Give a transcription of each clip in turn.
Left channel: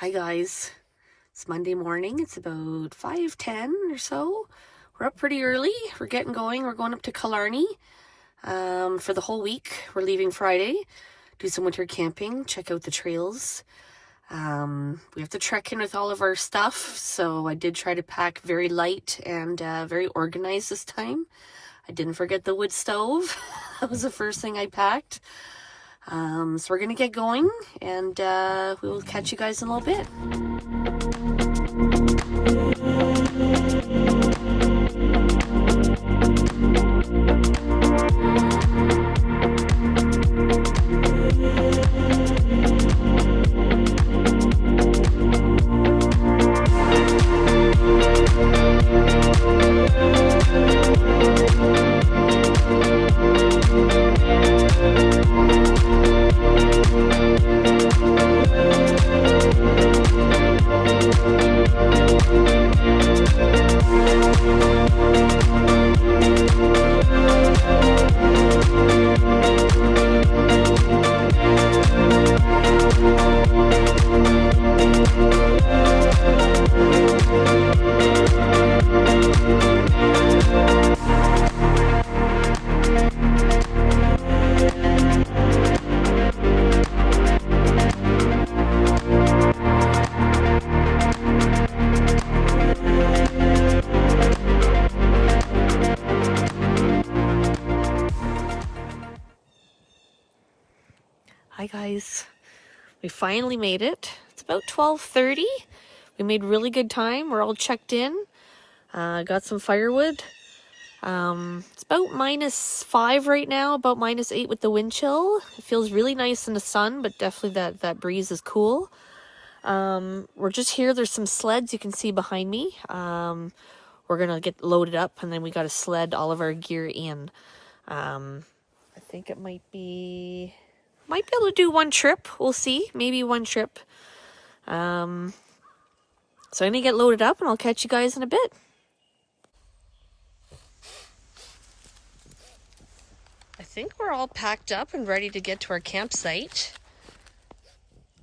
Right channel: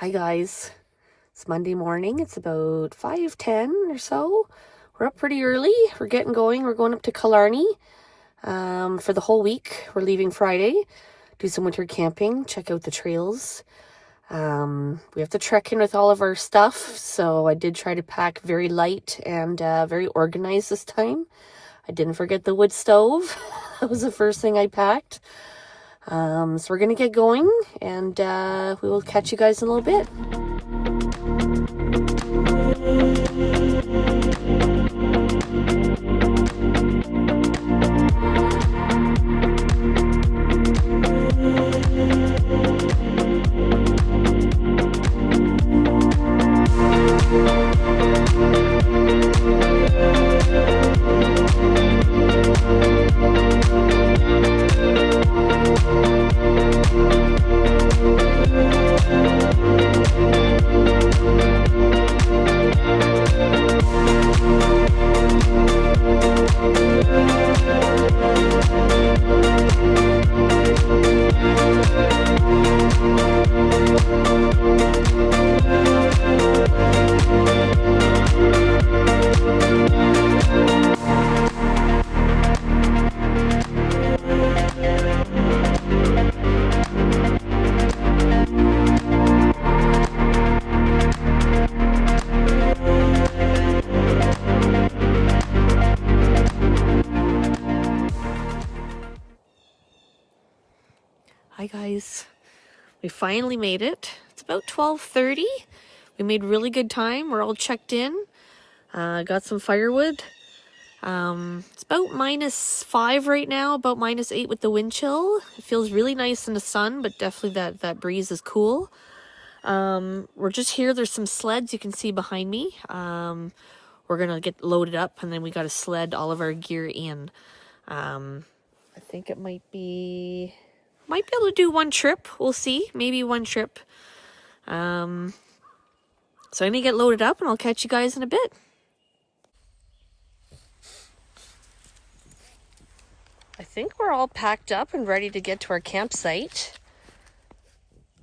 Hi guys, it's Monday morning. It's about 5:10 or so. We're up pretty early. We're getting going. We're going up to Killarney for the whole week. We're leaving Friday, do some winter camping, check out the trails. We have to trek in with all of our stuff, so I did try to pack very light and very organized this time. I didn't forget the wood stove. That was the first thing I packed. So we're gonna get going, and we will catch you guys in a little bit. Hi guys, we finally made it. It's about 12:30. We made really good time. We're all checked in. Got some firewood. It's about -5 right now, about -8 with the wind chill. It feels really nice in the sun, but definitely that breeze is cool. We're just here. There's some sleds you can see behind me. We're gonna get loaded up, and then we got to sled all of our gear in. I think it might be able to do one trip. We'll see. Maybe one trip. So I'm gonna get loaded up, and I'll catch you guys in a bit. I think we're all packed up and ready to get to our campsite.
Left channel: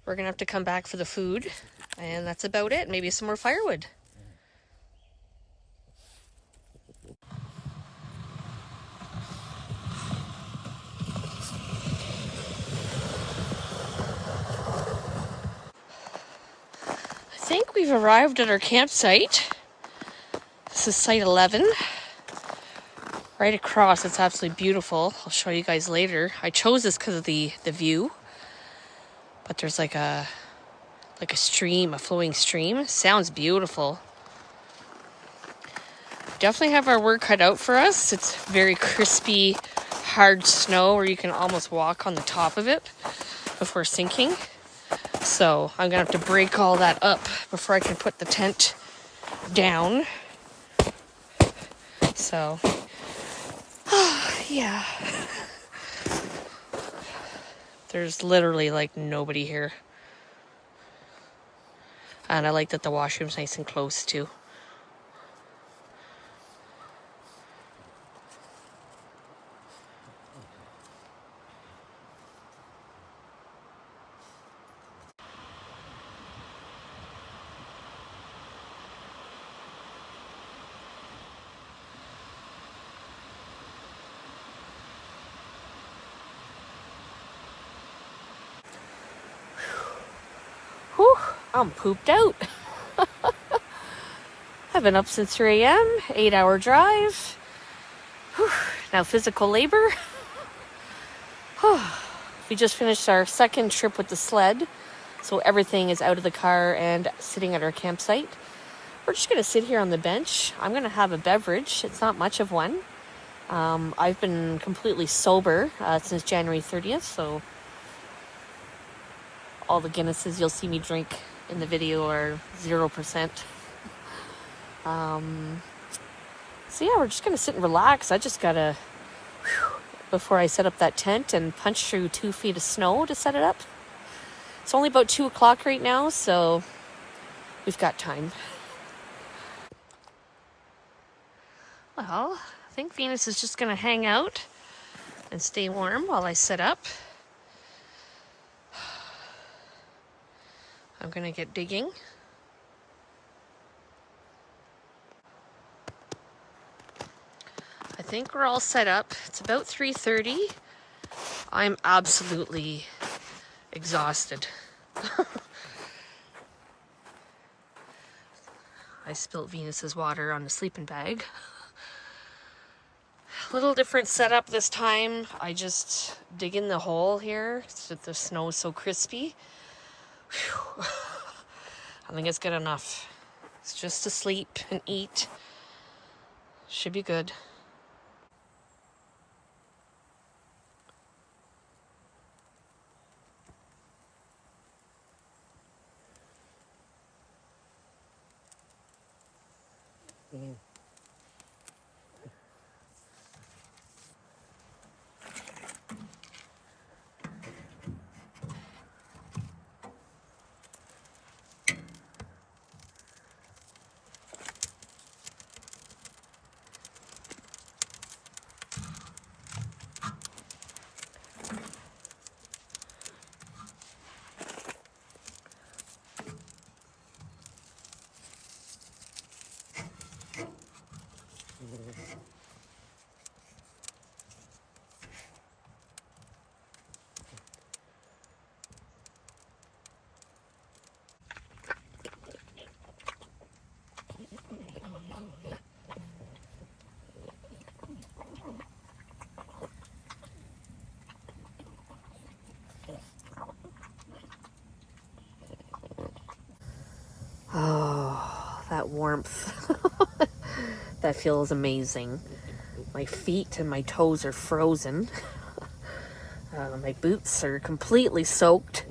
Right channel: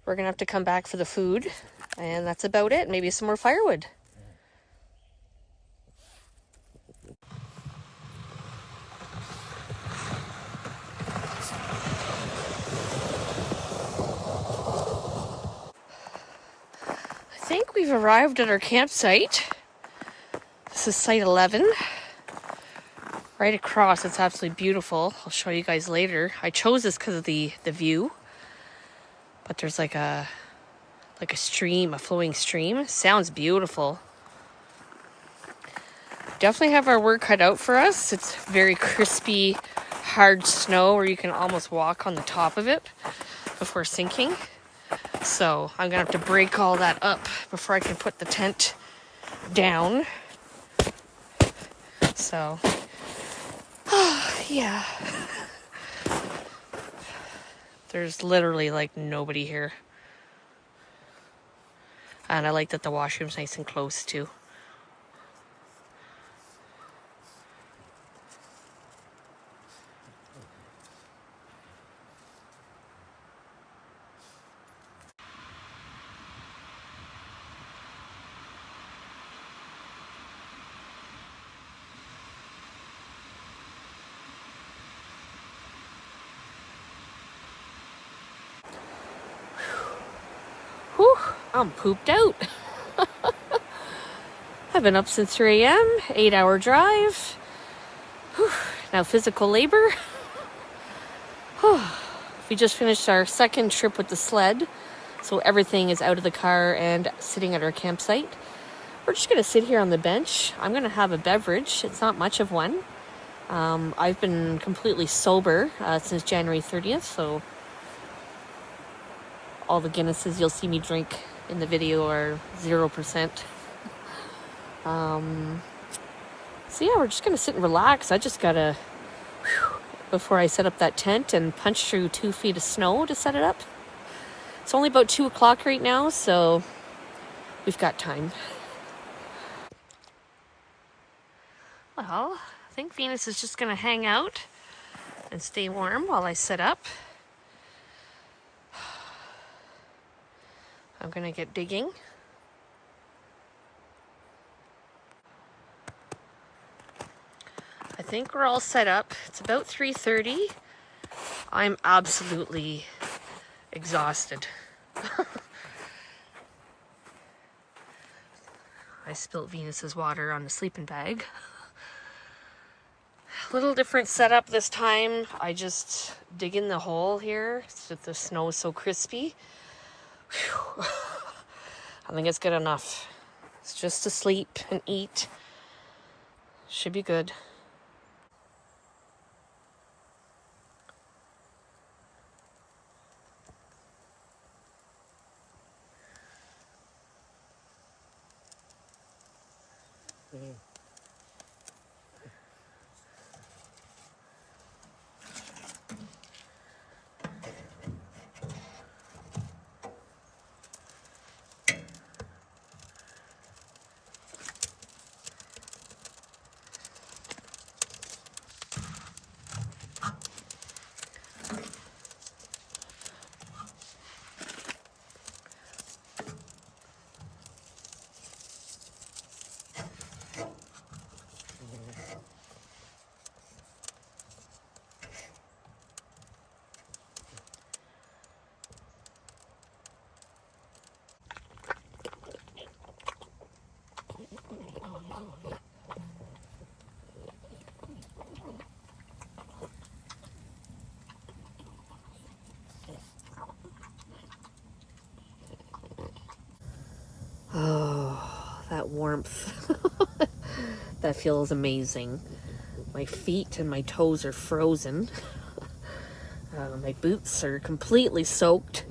We're gonna have to come back for the food, and that's about it. Maybe some more firewood. I think we've arrived at our campsite. This is site 11. Right across, it's absolutely beautiful. I'll show you guys later. I chose this because of the view. But there's like a stream, a flowing stream. Sounds beautiful. Definitely have our work cut out for us. It's very crispy, hard snow where you can almost walk on the top of it before sinking. So I'm gonna have to break all that up before I can put the tent down. So, yeah. There's literally like nobody here. And I like that the washroom's nice and close too. Whew, I'm pooped out. I've been up since 3 a.m., 8-hour drive. Whew, now physical labor. We just finished our second trip with the sled. So everything is out of the car and sitting at our campsite. We're just going to sit here on the bench. I'm going to have a beverage. It's not much of one. I've been completely sober since January 30th, so all the Guinnesses you'll see me drink in the video are 0%. So yeah, we're just gonna sit and relax. I just gotta, before I set up that tent and punch through 2 feet of snow to set it up. It's only about 2 o'clock right now, so we've got time. Well, I think Venus is just gonna hang out and stay warm while I set up. I'm gonna get digging. I think we're all set up. It's about 3:30. I'm absolutely exhausted. I spilled Venus's water on the sleeping bag. A little different setup this time. I just dig in the hole here so the snow is so crispy. Whew. I think it's good enough. It's just to sleep and eat. Should be good. Oh, that warmth. That feels amazing. My feet and my toes are frozen. My boots are completely soaked.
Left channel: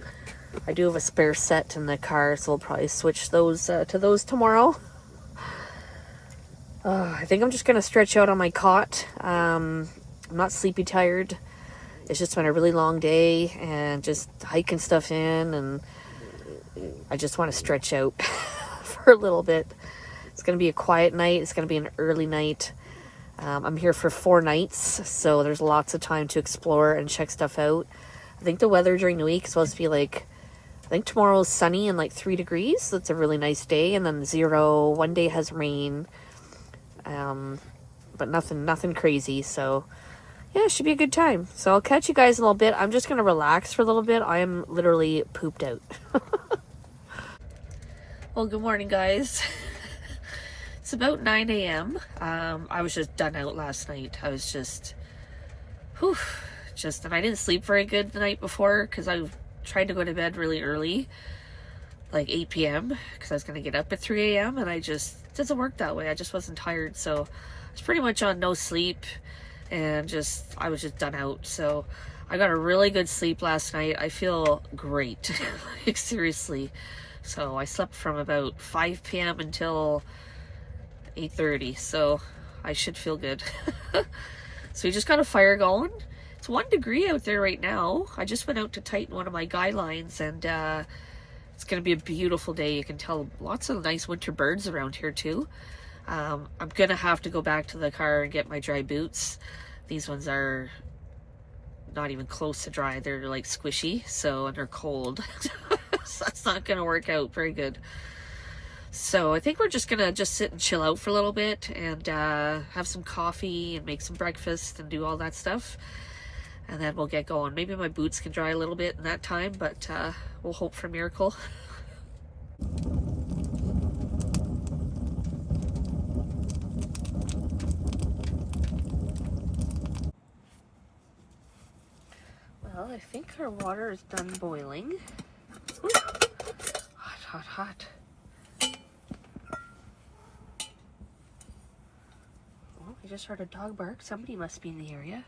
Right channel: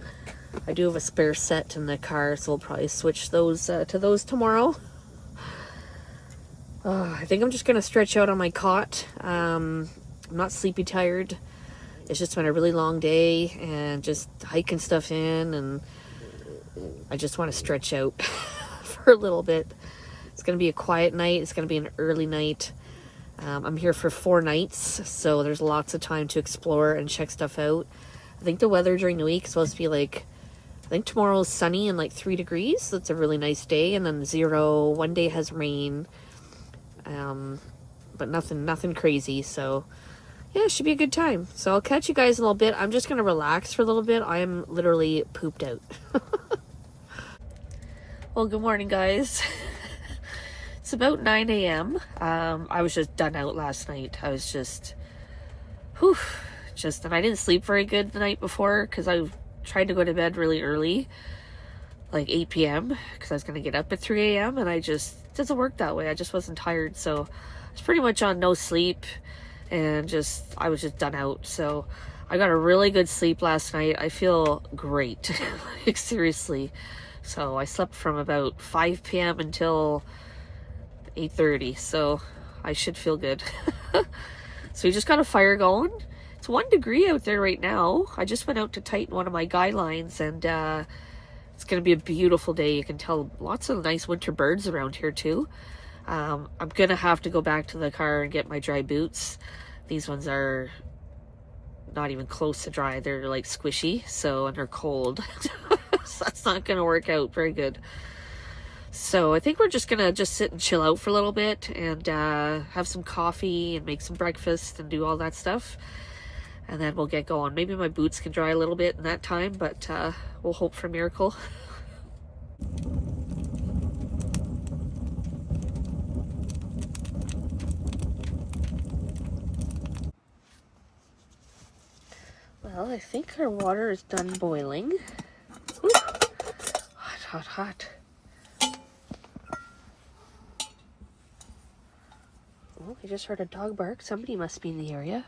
I do have a spare set in the car, so we'll probably switch those to those tomorrow. I think I'm just going to stretch out on my cot. I'm not sleepy tired. It's just been a really long day and just hiking stuff in, and I just want to stretch out for a little bit. It's going to be a quiet night. It's going to be an early night. I'm here for 4 nights, so there's lots of time to explore and check stuff out. I think the weather during the week is supposed to be like, I think tomorrow's sunny and like 3 degrees. So it's a really nice day. And then 0, one day has rain. But nothing crazy. So yeah, it should be a good time. So I'll catch you guys in a little bit. I'm just going to relax for a little bit. I am literally pooped out. Well, good morning, guys. It's about 9 a.m. I was just done out last night. I was just, and I didn't sleep very good the night before because I tried to go to bed really early, like 8 p.m. because I was going to get up at 3 a.m. and it doesn't work that way. I just wasn't tired. So I was pretty much on no sleep and I was just done out. So I got a really good sleep last night. I feel great. Like, seriously. So I slept from about 5 p.m. until 8:30, so I should feel good. So we just got a fire going. It's 1 degree out there right now. I just went out to tighten one of my guy lines, and it's going to be a beautiful day. You can tell lots of nice winter birds around here too. I'm going to have to go back to the car and get my dry boots. These ones are not even close to dry. They're like squishy, and they're cold. So that's not going to work out very good. So I think we're just going to sit and chill out for a little bit and have some coffee and make some breakfast and do all that stuff. And then we'll get going. Maybe my boots can dry a little bit in that time, but we'll hope for a miracle. Well, I think our water is done boiling. Ooh. Hot, hot, hot. Oh, I just heard a dog bark. Somebody must be in the area.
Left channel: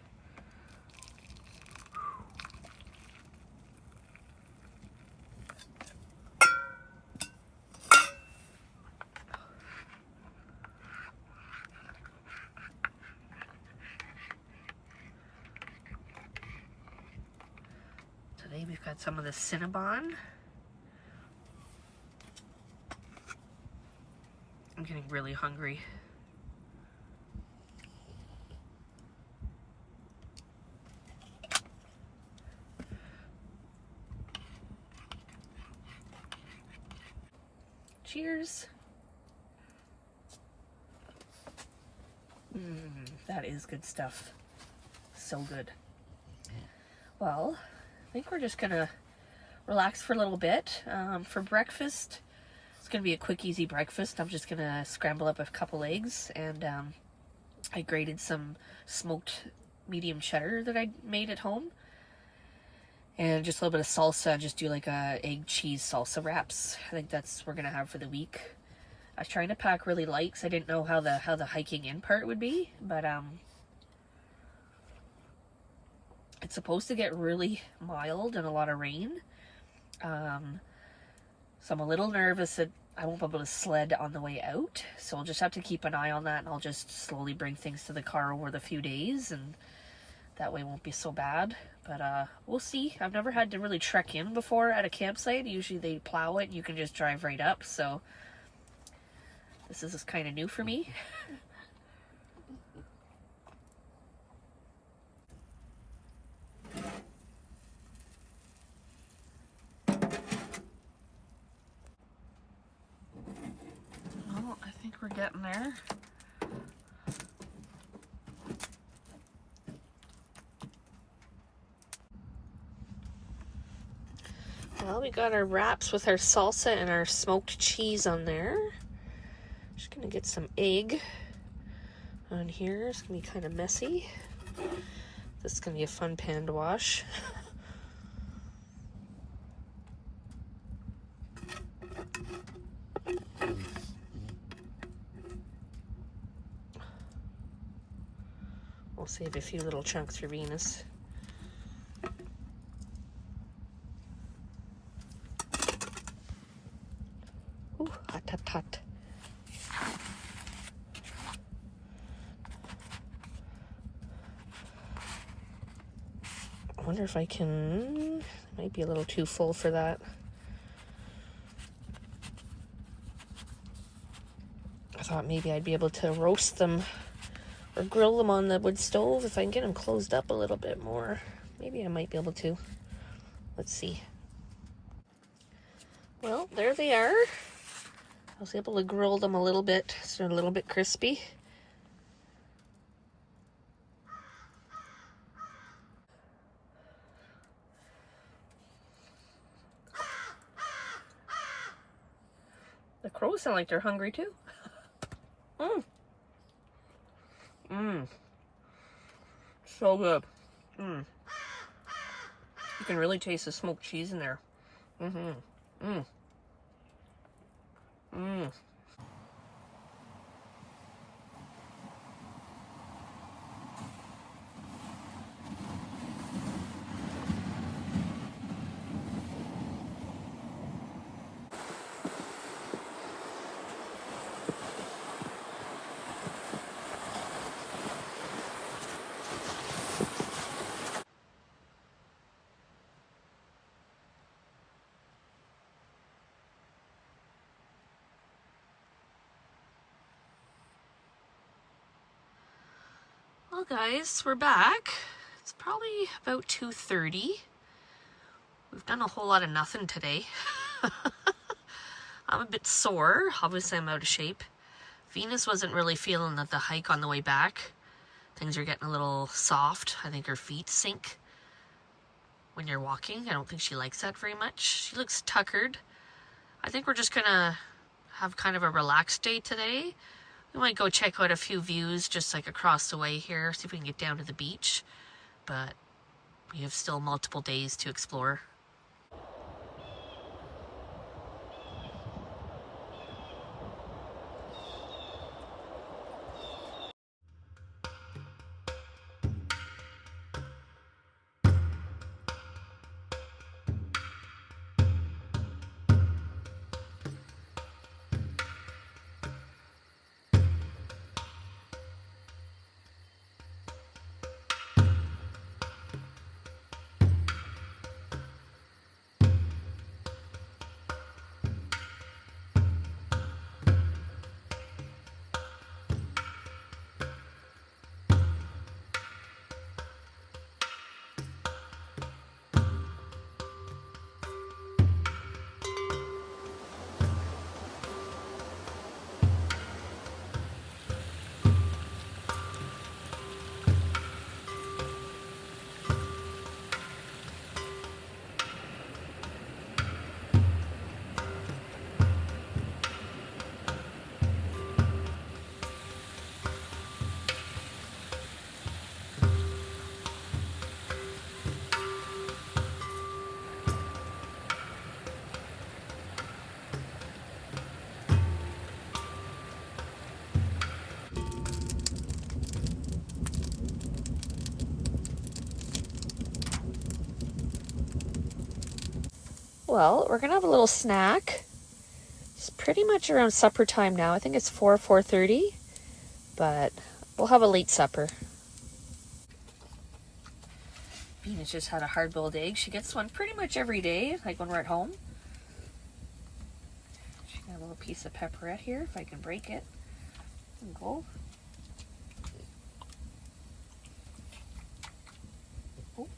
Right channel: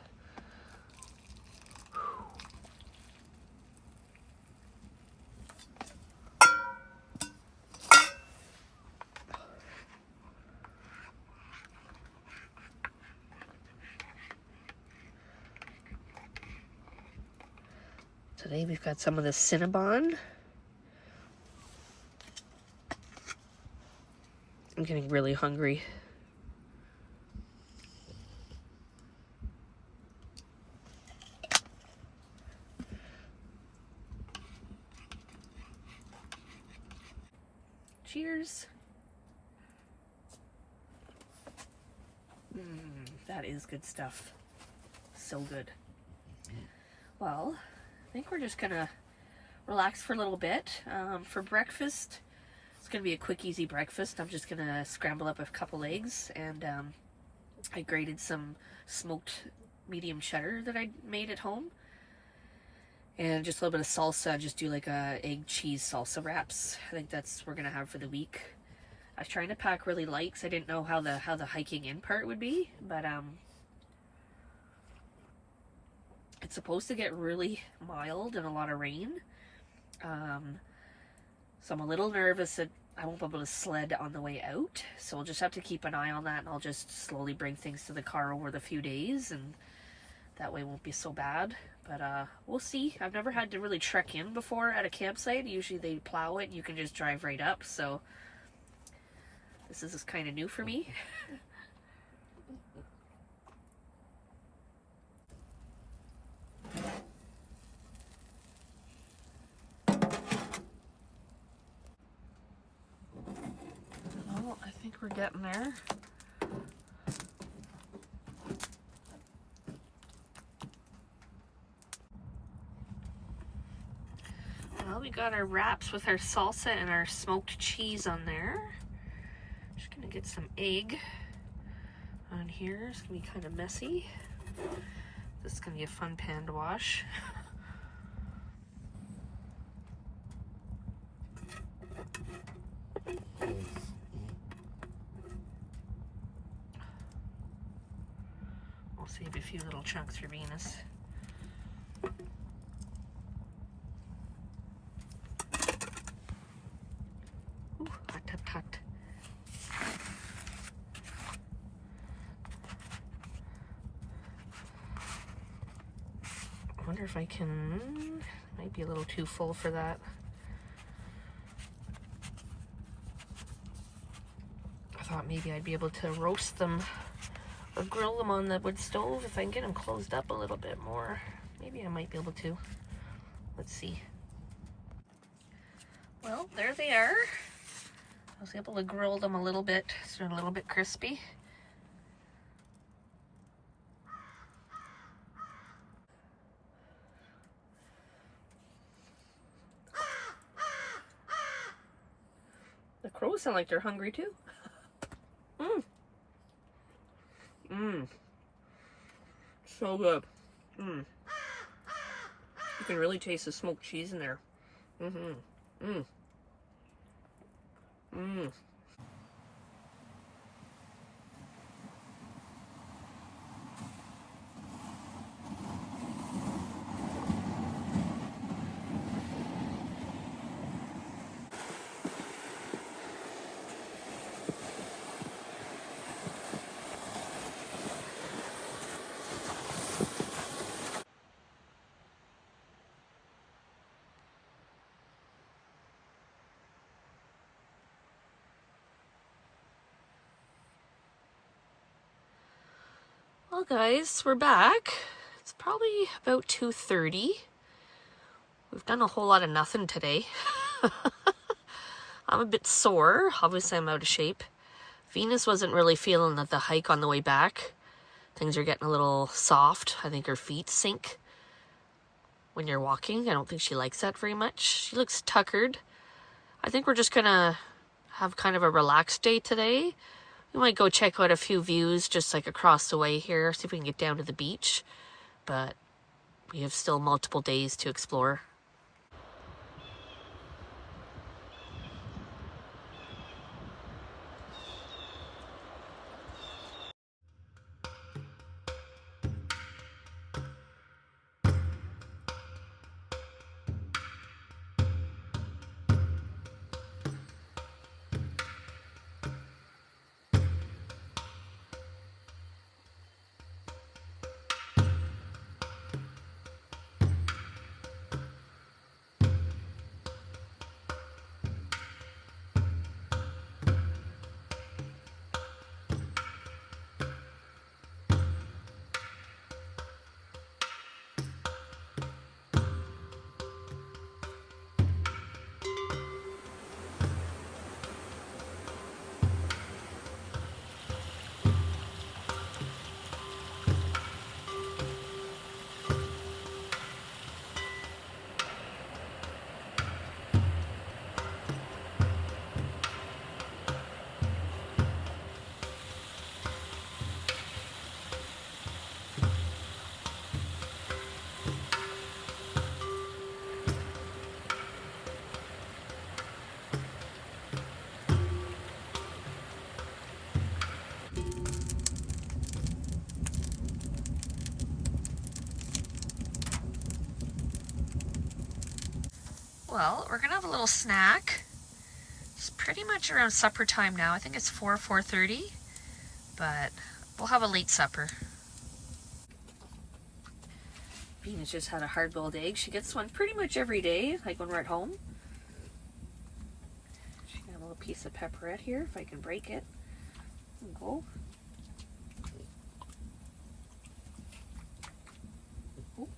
Today we've got some of the Cinnabon. I'm getting really hungry. Cheers. That is good stuff. So good. Well, I think we're just gonna relax for a little bit. For breakfast, it's gonna be a quick, easy breakfast. I'm just gonna scramble up a couple eggs, and I grated some smoked medium cheddar that I made at home, and just a little bit of salsa. Just do like a egg cheese salsa wraps. I think that's what we're gonna have for the week. I was trying to pack really light because I didn't know how the hiking in part would be, but it's supposed to get really mild and a lot of rain. So I'm a little nervous that I won't be able to sled on the way out. So we'll just have to keep an eye on that, and I'll just slowly bring things to the car over the few days, and that way it won't be so bad. But we'll see. I've never had to really trek in before at a campsite. Usually they plow it and you can just drive right up. So this is kind of new for me. Well, I think we're getting there. Well, we got our wraps with our salsa and our smoked cheese on there. Just gonna get some egg on here. It's gonna be kind of messy. This is gonna be a fun pan to wash. We'll save a few little chunks for Venus. Ooh, hot, hot, hot. I wonder if I can, might be a little too full for that. I thought maybe I'd be able to roast them or grill them on the wood stove if I can get them closed up a little bit more. Maybe I might be able to. Let's see. Well, there they are. I was able to grill them a little bit so they're a little bit crispy. The crows sound like they're hungry too. So good. You can really taste the smoked cheese in there. Well, guys, we're back. It's probably about 2:30. We've done a whole lot of nothing today. I'm a bit sore. Obviously, I'm out of shape. Venus wasn't really feeling the hike on the way back. Things are getting a little soft. I think her feet sink when you're walking. I don't think she likes that very much. She looks tuckered. I think we're just gonna have kind of a relaxed day today. We might go check out a few views just like across the way here, see if we can get down to the beach. But we have still multiple days to explore. Well, we're gonna have a little snack. It's pretty much around supper time now. I think it's 4:30, but we'll have a late supper. Venus just had a hard-boiled egg. She gets one pretty much every day, like when we're at home. She got a little piece of pepperette here, if I can break it. There we go. Oh.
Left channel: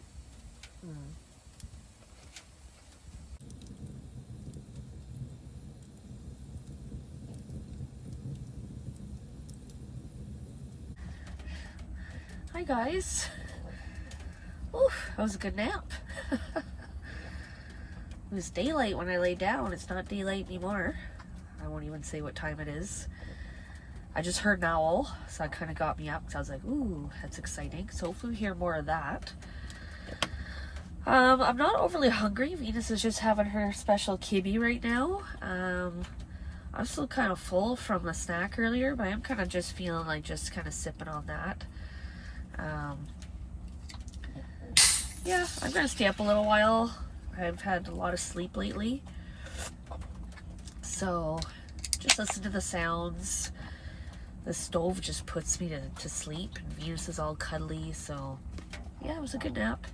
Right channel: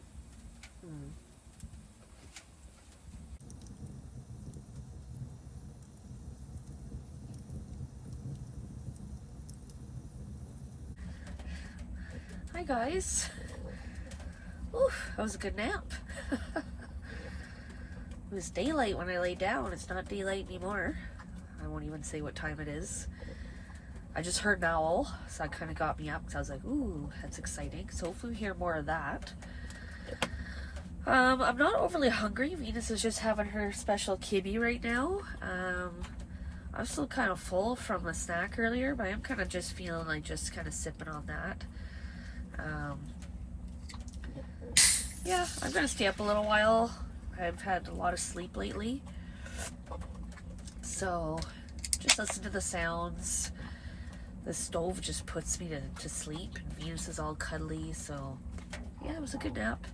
Hi guys. Ooh, that was a good nap. It was daylight when I laid down. It's not daylight anymore. I won't even say what time it is. I just heard an owl, so that kind of got me up because I was like, ooh, that's exciting. So hopefully we hear more of that. I'm not overly hungry. Venus is just having her special kibbe right now. I'm still kind of full from a snack earlier, but I'm kind of just feeling like just kind of sipping on that. Yeah, I'm going to stay up a little while. I've had a lot of sleep lately. So just listen to the sounds. The stove just puts me to sleep, and Venus is all cuddly. So yeah, it was a good nap.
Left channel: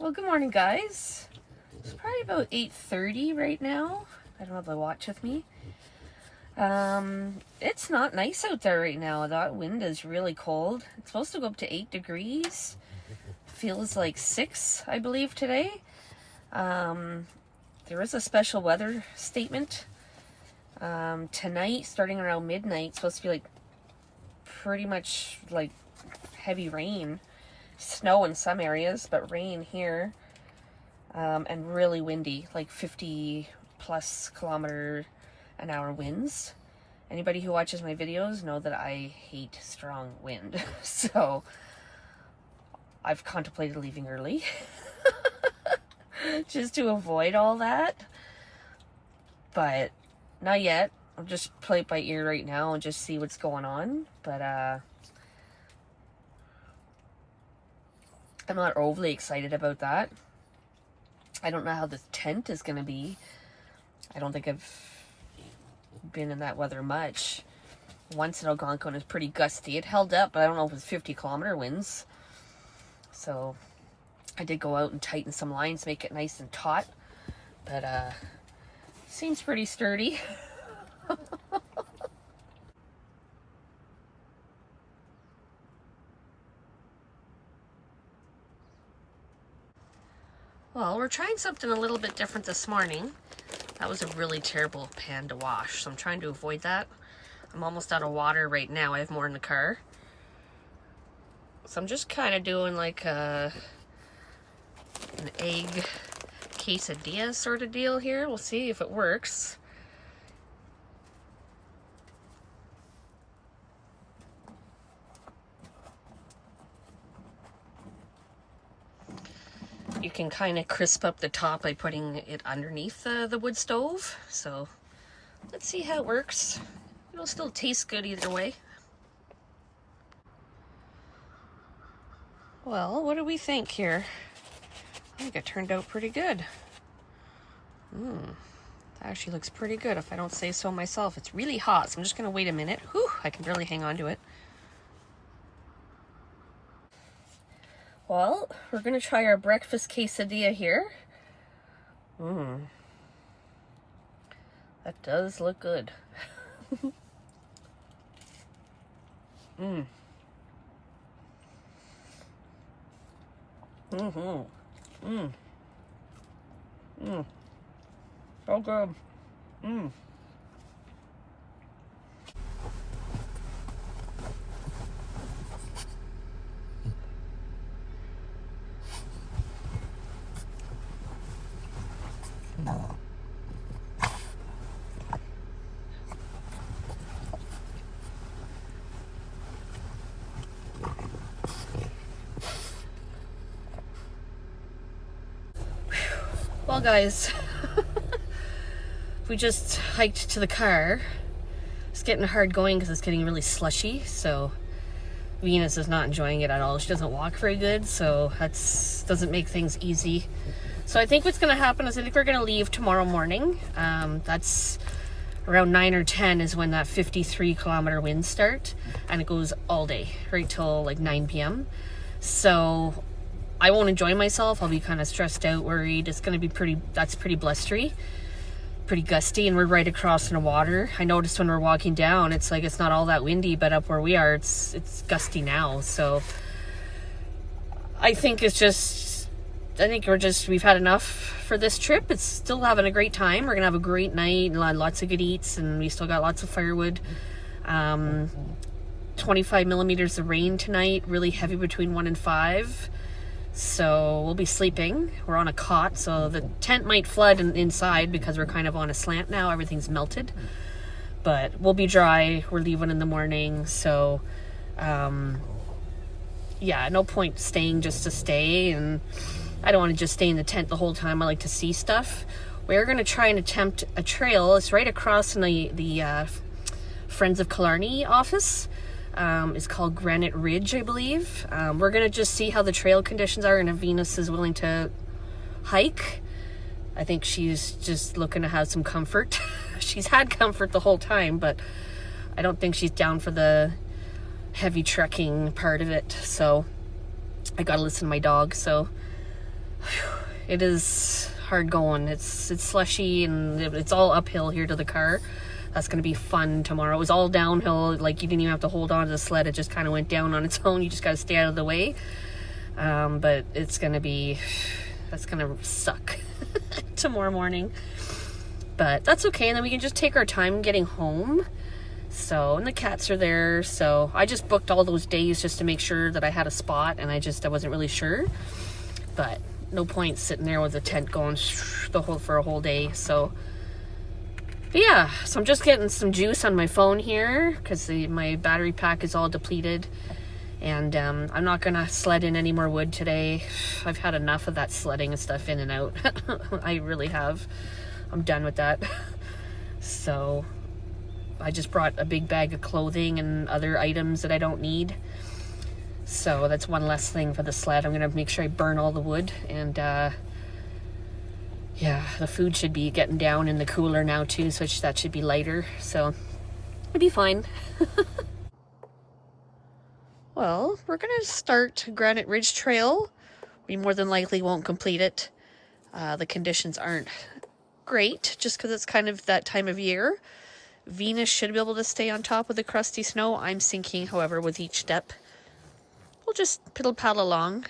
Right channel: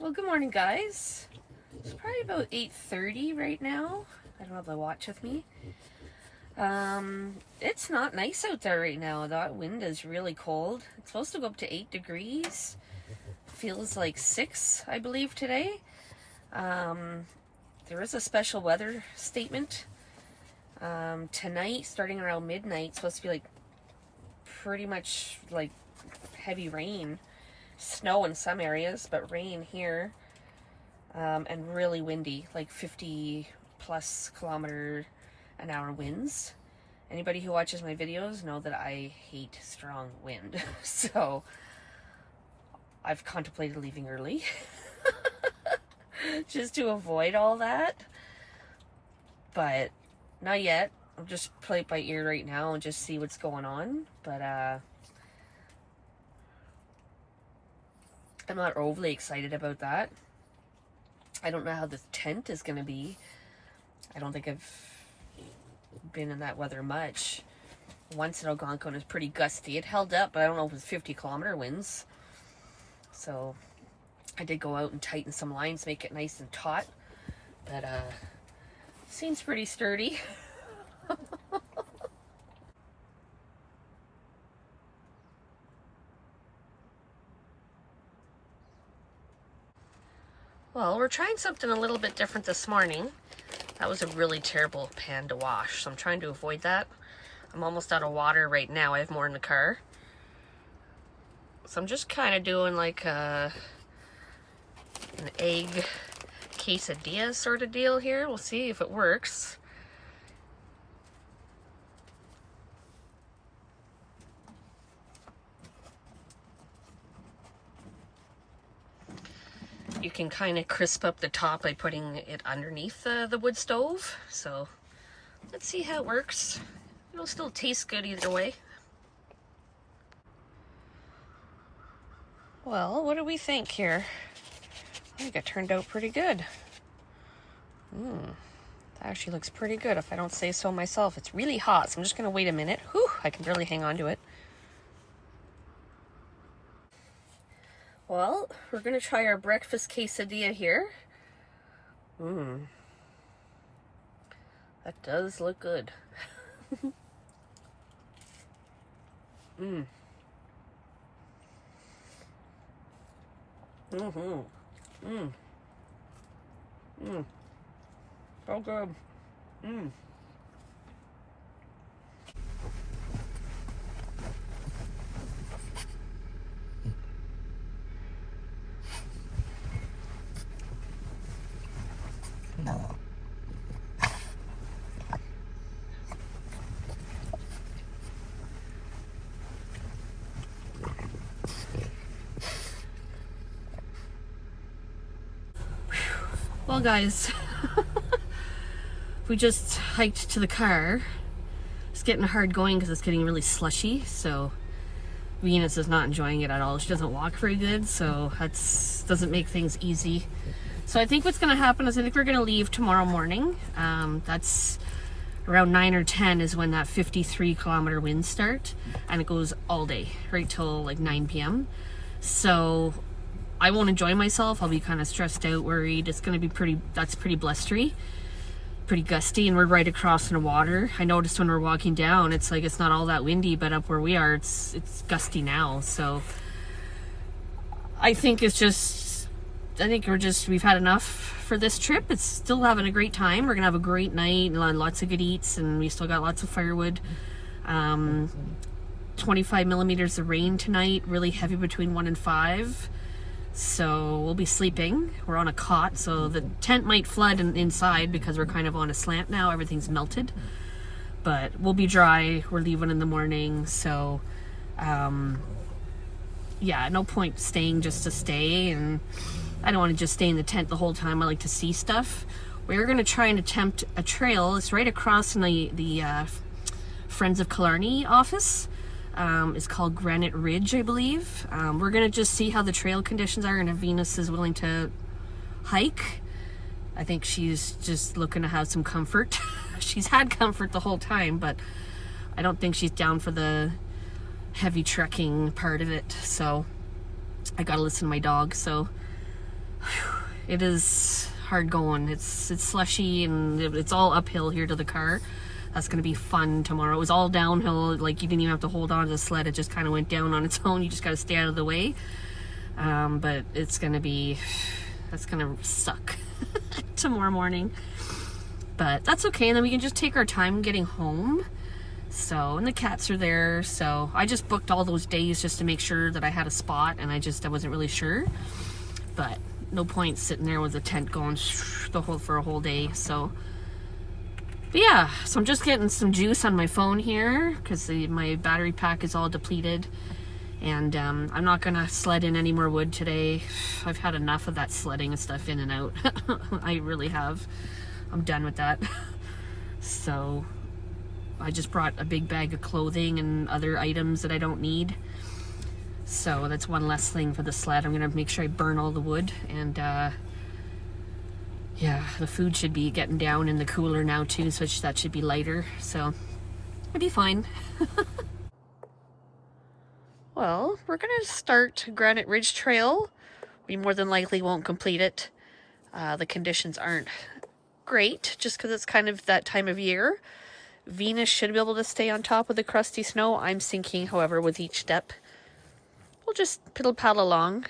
Well, good morning, guys. It's probably about 8:30 right now. I don't have my watch with me. It's not nice out there right now. That wind is really cold. It's supposed to go up to 8 degrees. Feels like 6, I believe, today. There is a special weather statement. Tonight, starting around midnight, it's supposed to be like pretty much like heavy rain. Snow in some areas, but rain here. And really windy, like 50 plus km/h winds. Anybody who watches my videos know that I hate strong wind. So I've contemplated leaving early just to avoid all that. But not yet. I'll just play it by ear right now and just see what's going on. But I'm not overly excited about that. I don't know how the tent is going to be. I don't think I've been in that weather much. Once in Algonquin, it was pretty gusty. It held up, but I don't know if it was 50-kilometer winds. So I did go out and tighten some lines, make it nice and taut. But seems pretty sturdy. Well, we're trying something a little bit different this morning. That was a really terrible pan to wash, so I'm trying to avoid that. I'm almost out of water right now. I have more in the car. So I'm just kind of doing like an egg quesadilla sort of deal here. We'll see if it works. You can kind of crisp up the top by putting it underneath the wood stove. So let's see how it works. It'll still taste good either way. Well, what do we think here? I think it turned out pretty good. That actually looks pretty good if I don't say so myself. It's really hot, so I'm just going to wait a minute. Whew, I can barely hang on to it. Well, we're going to try our breakfast quesadilla here. That does look good. So good. Well, guys, we just hiked to the car. It's getting hard going because it's getting really slushy, so Venus is not enjoying it at all. She doesn't walk very good, so that's doesn't make things easy. So I think what's going to happen is I think we're going to leave tomorrow morning. That's around 9 or 10 is when that 53-kilometer winds start, and it goes all day, right till like 9 p.m. So I won't enjoy myself. I'll be kind of stressed out, worried. It's going to be pretty blustery, pretty gusty, and we're right across in the water. I noticed when we're walking down, it's like it's not all that windy, but up where we are, it's gusty now. So I think we've had enough for this trip. It's still having a great time. We're gonna have a great night and lots of good eats, and we still got lots of firewood. 25 millimeters of rain tonight, really heavy between 1 and 5. So we'll be sleeping. We're on a cot, so the tent might flood inside because we're kind of on a slant now. Everything's melted, but we'll be dry. We're leaving in the morning, so yeah, no point staying just to stay, and I don't want to just stay in the tent the whole time. I like to see stuff. We're going to try and attempt a trail. It's right across from the Friends of Killarney office. It's called Granite Ridge, I believe. We're going to just see how the trail conditions are and if Venus is willing to hike. I think she's just looking to have some comfort. She's had comfort the whole time, but I don't think she's down for the heavy trekking part of it. So I got to listen to my dog, so it is hard going. It's slushy and it's all uphill here to the car. That's going to be fun tomorrow. It was all downhill. Like, you didn't even have to hold on to the sled. It just kind of went down on its own. You just got to stay out of the way. But that's going to suck tomorrow morning. But that's okay. And then we can just take our time getting home. So, and the cats are there. So I just booked all those days just to make sure that I had a spot. And I wasn't really sure. But no point sitting there with the tent going for a whole day. So, but yeah, so I'm just getting some juice on my phone here because my battery pack is all depleted, and I'm not gonna sled in any more wood today. I've had enough of that sledding and stuff in and out. I really have. I'm done with that. So I just brought a big bag of clothing and other items that I don't need. So that's one less thing for the sled. I'm gonna make sure I burn all the wood, and yeah, the food should be getting down in the cooler now too, so that should be lighter. So it'll be fine. Well, we're gonna start Granite Ridge Trail. We more than likely won't complete it. The conditions aren't great, just because it's kind of that time of year. Venus should be able to stay on top of the crusty snow. I'm sinking, however, with each step. We'll just piddle-paddle along.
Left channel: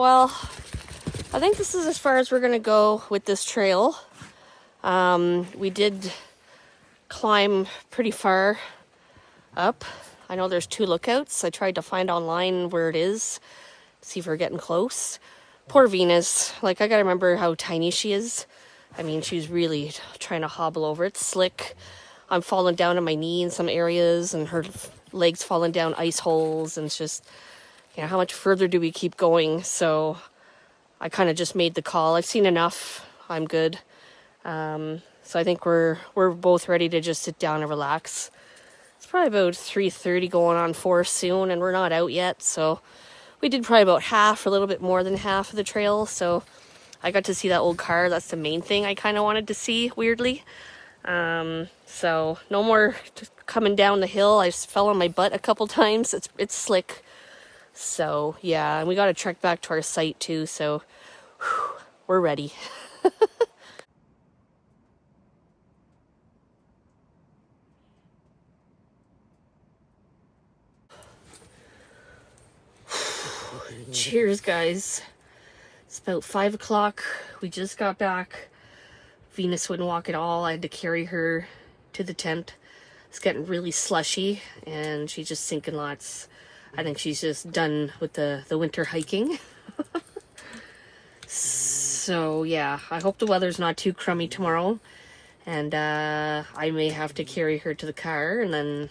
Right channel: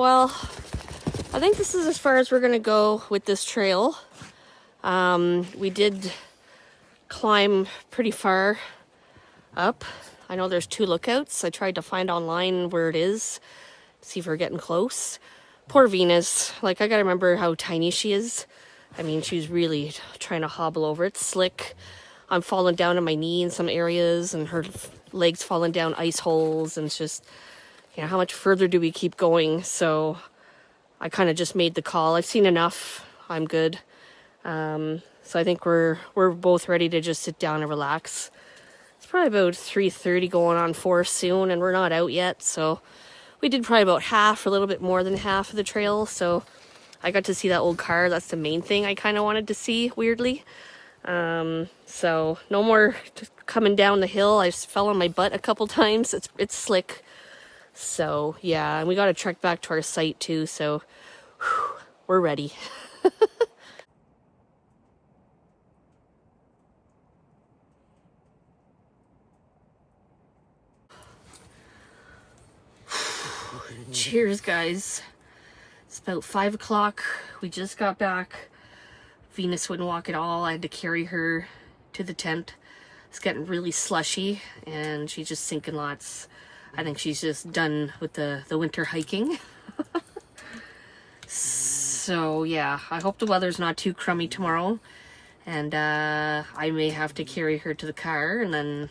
well, I think this is as far as we're gonna go with this trail. We did climb pretty far up. I know there's 2 lookouts. I tried to find online where it is, see if we're getting close. Poor Venus. Like, I gotta remember how tiny she is. I mean, she's really trying to hobble over. It's slick. I'm falling down on my knee in some areas, and her legs falling down ice holes, and it's just, you know, how much further do we keep going? So I kind of just made the call. I've seen enough. I'm good. So I think we're both ready to just sit down and relax. It's probably about 3:30, going on 4 soon, and we're not out yet. So we did probably about half, a little bit more than half of the trail. So I got to see that old car. That's the main thing I kind of wanted to see, weirdly. So no more coming down the hill. I just fell on my butt a couple times. It's slick. So yeah, and we got to trek back to our site too. So whew, we're ready. Cheers, guys. It's about 5 o'clock. We just got back. Venus wouldn't walk at all. I had to carry her to the tent. It's getting really slushy, and she's just sinking lots. I think she's just done with the winter hiking. So yeah, I hope the weather's not too crummy tomorrow, and I may have to carry her to the car, and then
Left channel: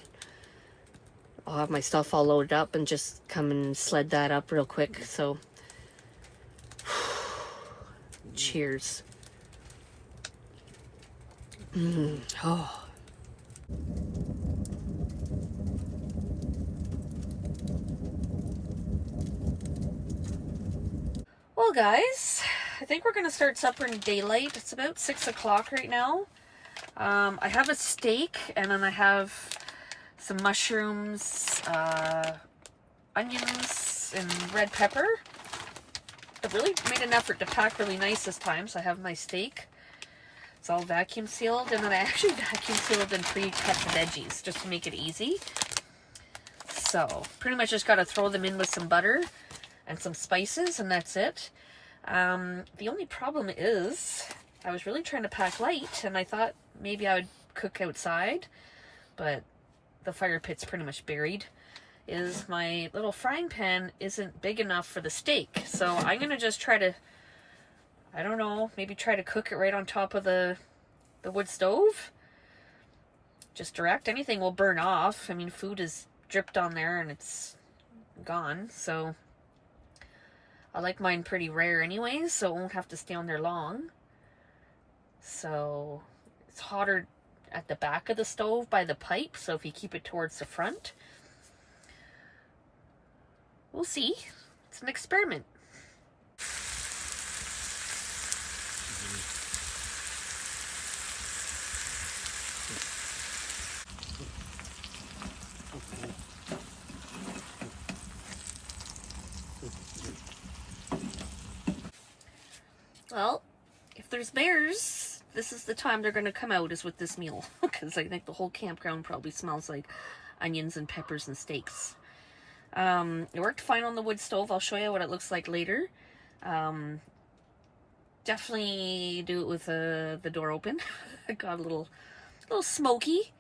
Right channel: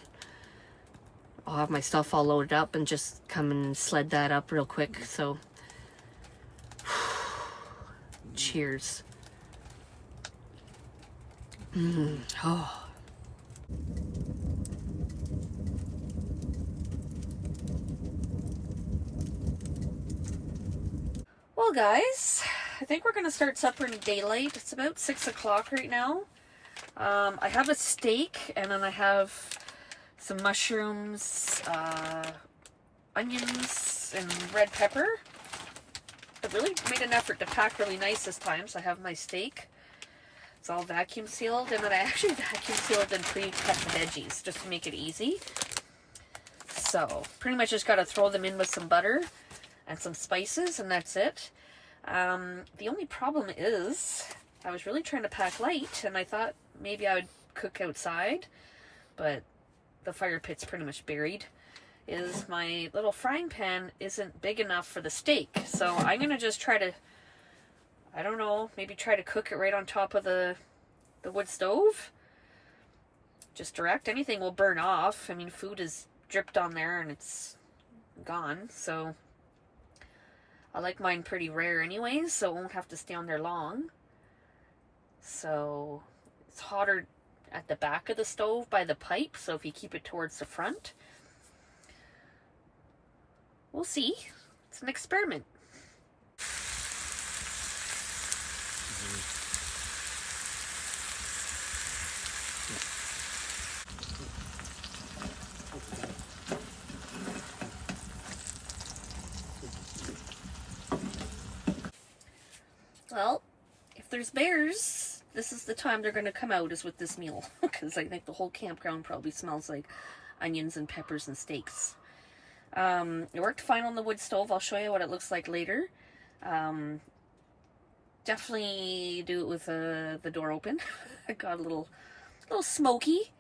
I'll have my stuff all loaded up and just come and sled that up real quick. So cheers. Oh. Well, guys, I think we're gonna start supper in daylight. It's about 6 o'clock right now. I have a steak, and then I have some mushrooms, onions, and red pepper. I really made an effort to pack really nice this time. So I have my steak. It's all vacuum sealed, and then I actually vacuum sealed and pre-cut the veggies just to make it easy. So pretty much just got to throw them in with some butter and some spices, and that's it. The only problem is I was really trying to pack light, and I thought maybe I would cook outside, but the fire pit's pretty much buried. Is my little frying pan isn't big enough for the steak, so I'm gonna just try to, I don't know, maybe try to cook it right on top of the wood stove. Just direct. Anything will burn off. I mean, food is dripped on there and it's gone, so I like mine pretty rare anyways, so it won't have to stay on there long. So it's hotter at the back of the stove by the pipe, so if you keep it towards the front, we'll see. It's an experiment. Well, if there's bears, this is the time they're going to come out, is with this meal. Because I think the whole campground probably smells like onions and peppers and steaks. It worked fine on the wood stove. I'll show you what it looks like later. Definitely do it with the door open. It got a little smoky,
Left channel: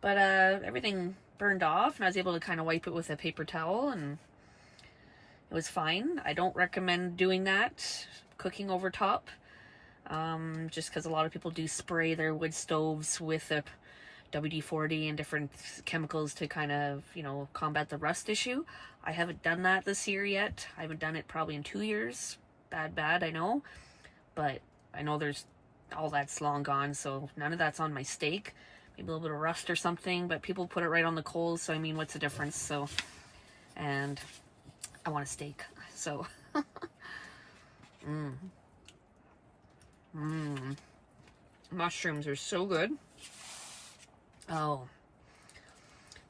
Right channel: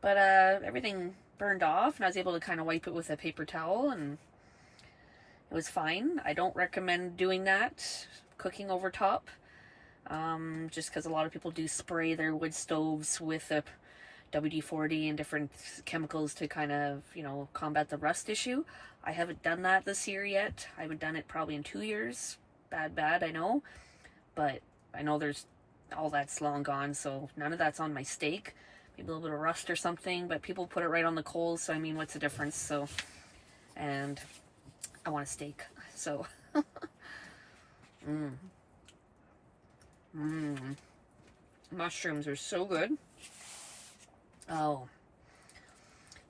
but everything burned off, and I was able to kind of wipe it with a paper towel, and it was fine. I don't recommend doing that, cooking over top, just because a lot of people do spray their wood stoves with a WD-40 and different chemicals to kind of, you know, combat the rust issue. I haven't done that this year yet. I haven't done it probably in 2 years. Bad, I know. But I know there's, all that's long gone, so none of that's on my steak. Maybe a little bit of rust or something, but people put it right on the coals, so I mean, what's the difference? So, and I want a steak, so. Mushrooms are so good. Oh,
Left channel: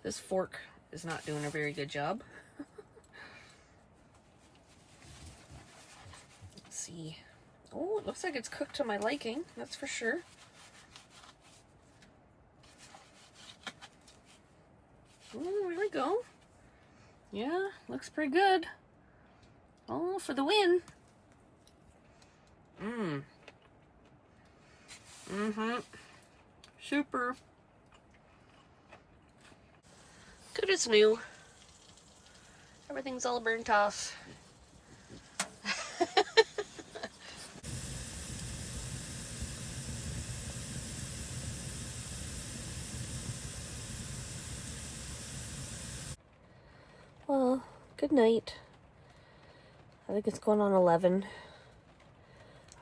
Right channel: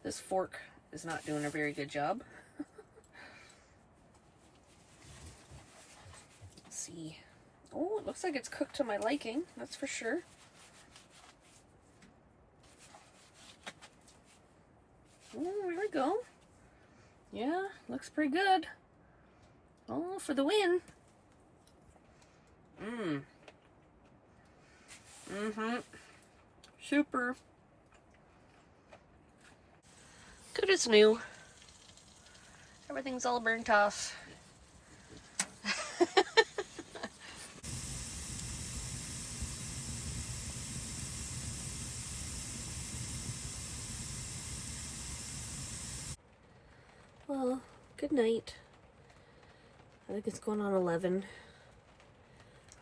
this fork is not doing a very good job. Let's see. Oh, it looks like it's cooked to my liking, that's for sure. Oh, there we go. Yeah, looks pretty good. Oh, for the win. Super. Good as new. Everything's all burnt off. Well, good night. I think it's going on 11.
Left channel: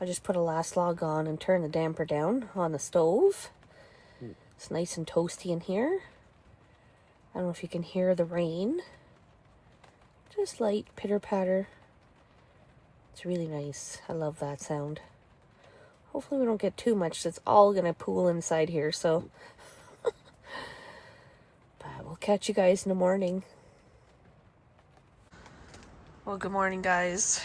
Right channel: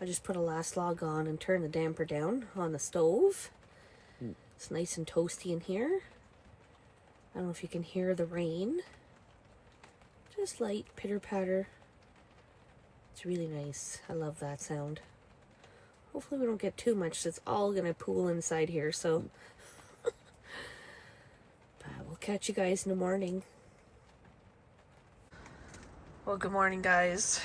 I just put a last log on and turn the damper down on the stove. It's nice and toasty in here. I don't know if you can hear the rain. Just light pitter patter. It's really nice. I love that sound. Hopefully we don't get too much. It's all gonna pool inside here, so. But we'll catch you guys in the morning. Well, good morning, guys.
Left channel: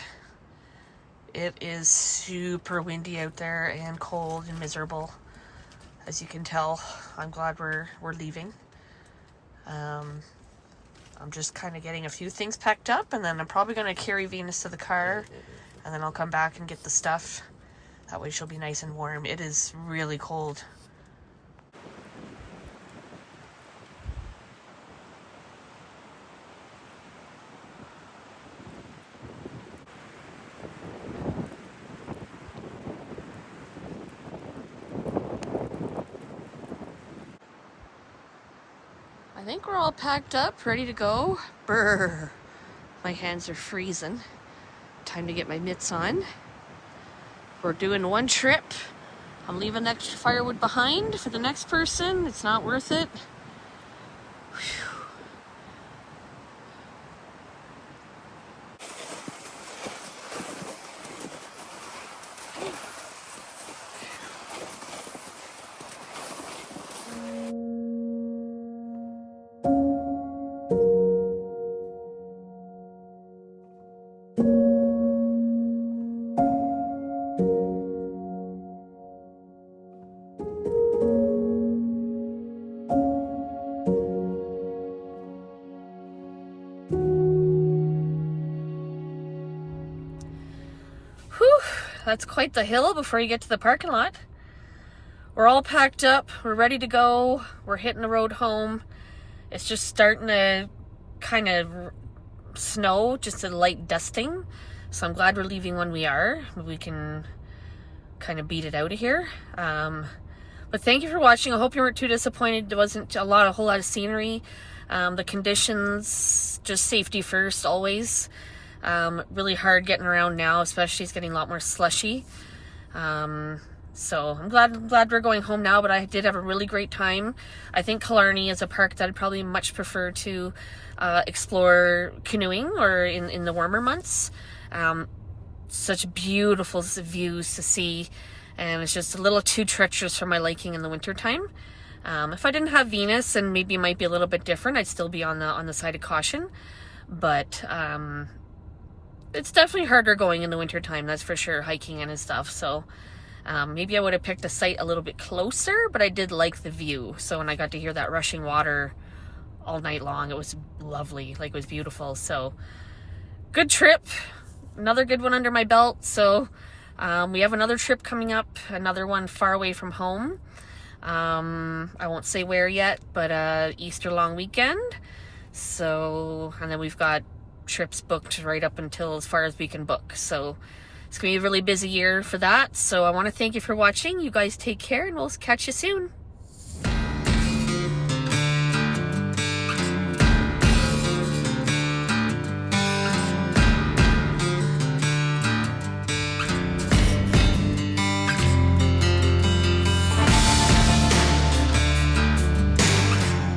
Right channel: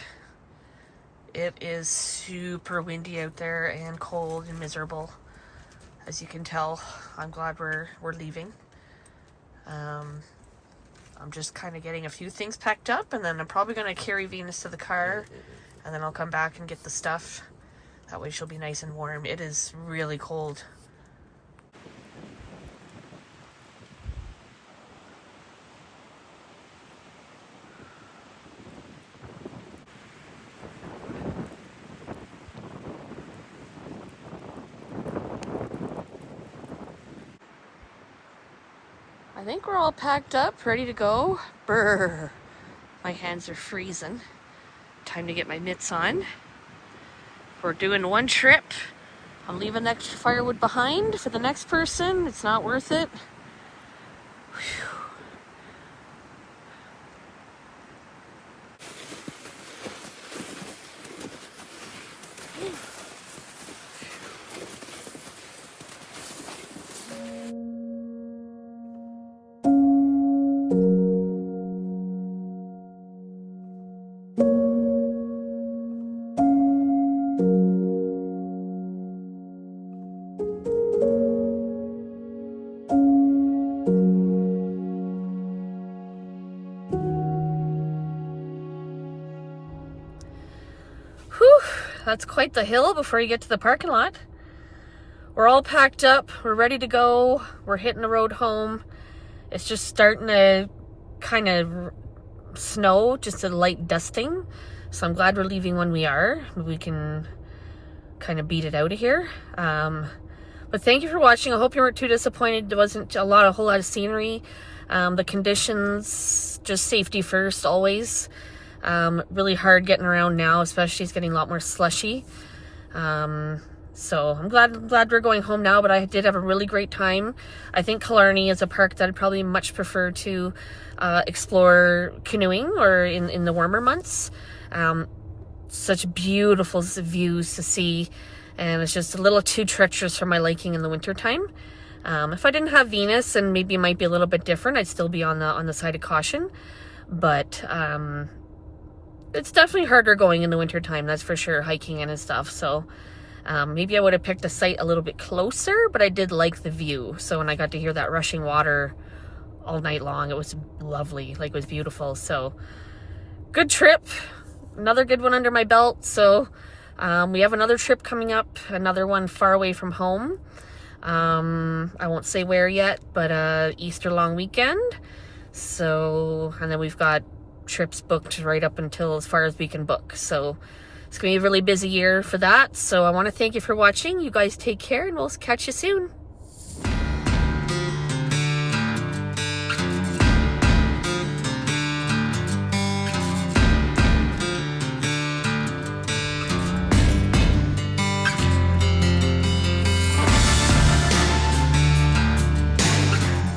It is super windy out there and cold and miserable. As you can tell, I'm glad we're leaving. I'm just kind of getting a few things packed up, and then I'm probably going to carry Venus to the car, and then I'll come back and get the stuff. That way she'll be nice and warm. It is really cold. I think we're all packed up, ready to go. Brr. My hands are freezing. Time to get my mitts on. We're doing one trip. I'm leaving that firewood behind for the next person. It's not worth it. Whew. That's quite the hill before you get to the parking lot. We're all packed up. We're ready to go. We're hitting the road home. It's just starting to kind of snow, just a light dusting. So I'm glad we're leaving when we are. We can kind of beat it out of here. But thank you for watching. I hope you weren't too disappointed. There wasn't a whole lot of scenery. The conditions, just safety first, always. Really hard getting around now, especially it's getting a lot more slushy. So I'm glad we're going home now, but I did have a really great time. I think Killarney is a park that I'd probably much prefer to explore canoeing or in the warmer months. Such beautiful views to see, and it's just a little too treacherous for my liking in the wintertime. If I didn't have Venus, and maybe it might be a little bit different, I'd still be on the side of caution. But it's definitely harder going in the wintertime, that's for sure, hiking in and stuff. So maybe I would have picked a site a little bit closer, but I did like the view. So when I got to hear that rushing water all night long, it was lovely. Like, it was beautiful. So good trip. Another good one under my belt. So we have another trip coming up, another one far away from home. I won't say where yet, but Easter long weekend. So, and then we've got trips booked right up until as far as we can book. So it's gonna be a really busy year for that. So I want to thank you for watching. You guys take care, and we'll catch you soon.